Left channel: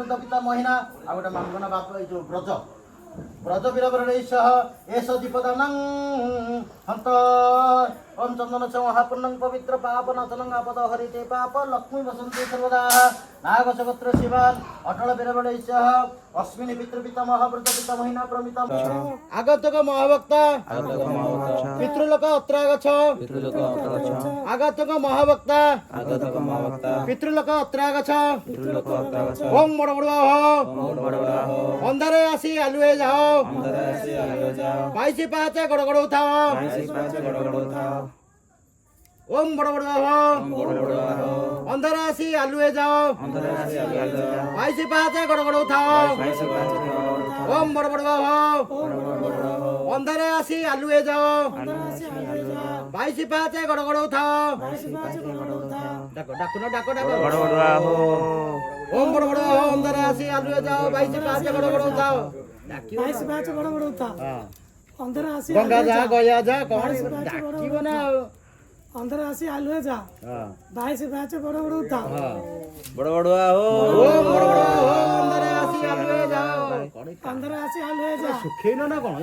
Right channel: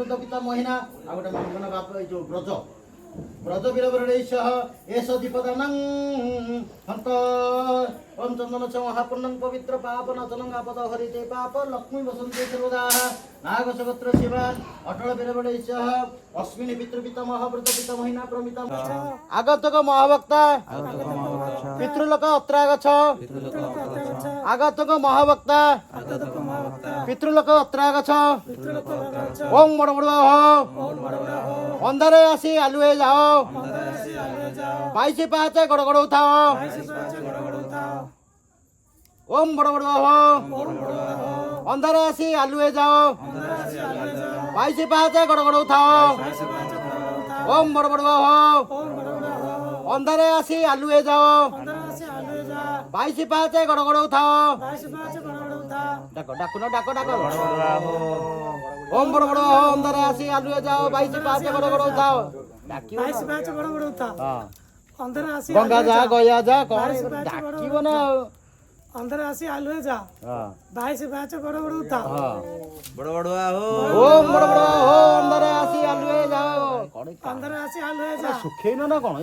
ମହାବୃତ ପିତା ମହିନା ଆଉ ଗୋଟେ ମାଙ୍ଗନା ବାପ ଏଇ ଯୋଉ ବ୍ରଜ ବ୍ରଜ ବୀରବରଣେଶ୍ୱ ଏସ ଦୀପଦାନଂ ହନ୍ତ ଓಂ ଚନ୍ଦନ ଛ ମହାପୂର୍ଣ୍ଣଂ ପବିତ୍ର ପାପ ନାଶନଂ ଆପଦ ହରିତେ ପାପ ଲକ୍ଷ୍ମୀ ବସନ୍ତେ ସର୍ବଦା ନାଗଚଗତ୍ର ଶିବାନ ଅଟଳ ବୀରବରଣେଶ୍ୱ ଅସ୍ମିନି ପିତୃପିତା ମହାବୃତ ପିତା ମହିନା ପ୍ରମିତା আগতক মহাভক্তা পিতৃলোক অত্রাগছ আগতক মহাভক্তা পিতৃলোক অত্রাগছ ওং বড় বড় অন্ধরে আসি আলুয়ে যাও বাইশে পাঁচে গড় গড় উঠাও ওম বড় বড় অন্ধরে আসি আলুয়ে যাও বাইশে পাঁচে গড় গড় উঠাও ওম বড় বড় অন্ধারে আসি আলুয়ে যাও বাইশে পাঁচে গড় গড় উঠাও ডাকো ডাকো না ডাকো ডাকো ওম বড় বড় অন্ধারে আসি আলুয়ে যাও বাইশে পাঁচে গড় গড় উঠাও বাইশে পাঁচে গড় গড় উঠাও অন্ধারে আসি গঙ্গা যা গয়া যা কোন ডাকিব না অন্ধারে আসি আলুয়ে যা বাইশে পাঁচে গড় গড় উঠাও বড় বড় ওম বড় বড় অন্ধারে আসি আলুয়ে যাও অন্ধারে আসি আলুয়ে যা সুখেইন না কোন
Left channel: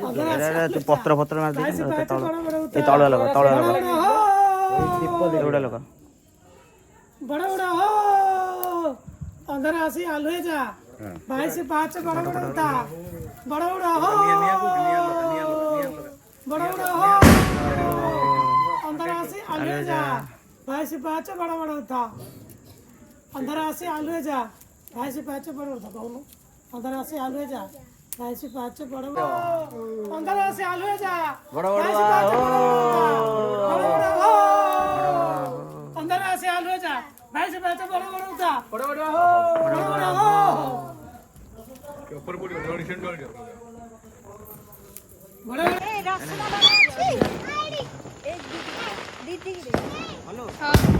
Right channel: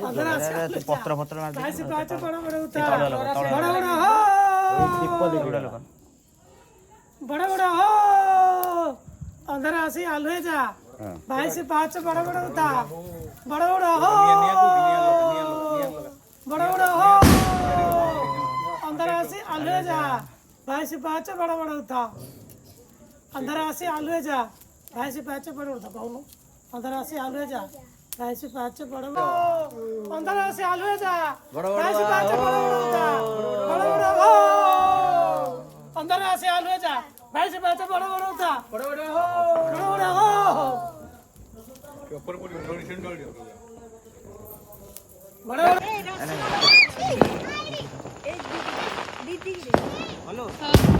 ପତ୍ର ପତ୍ର ମାରି বাইশে ପାঁଚେ ଗড় ଗড় ଏ ଉଠାও ତଳ ଲୋକ ତଳ ବଡ଼ ଲୋକ ବଡ଼ ହୋ ଦୀପ ଏଗୁଡ଼ା ଲୋକ ବଡ଼ ବଡ଼ ହୋ ଅନ୍ଧାରେ আসি আলুয়ে যা বাইশে পাঁচে বড় বড় উঠা বড় বড় হো বড় বড় হো অন্ধারে আসি আলুয়ে যা বাইশে পাঁচে বড় বড় উঠা অন্ধারে আসি আলুয়ে যা বাইশে পাঁচে বড় উঠা কৌন অন্ধারে আসি আলুয়ে যা বাইশে পাঁচে বড় বড় অন্ধারে আসি আলুয়ে যা বড় বড় বাইশে পাঁচে বড় বড় উঠা বড় বড় হো অন্ধারে আসি আলুয়ে যা বাইশে পাঁচে বড় বড় উঠা বড় বড় হো বড় বড় হো हेलो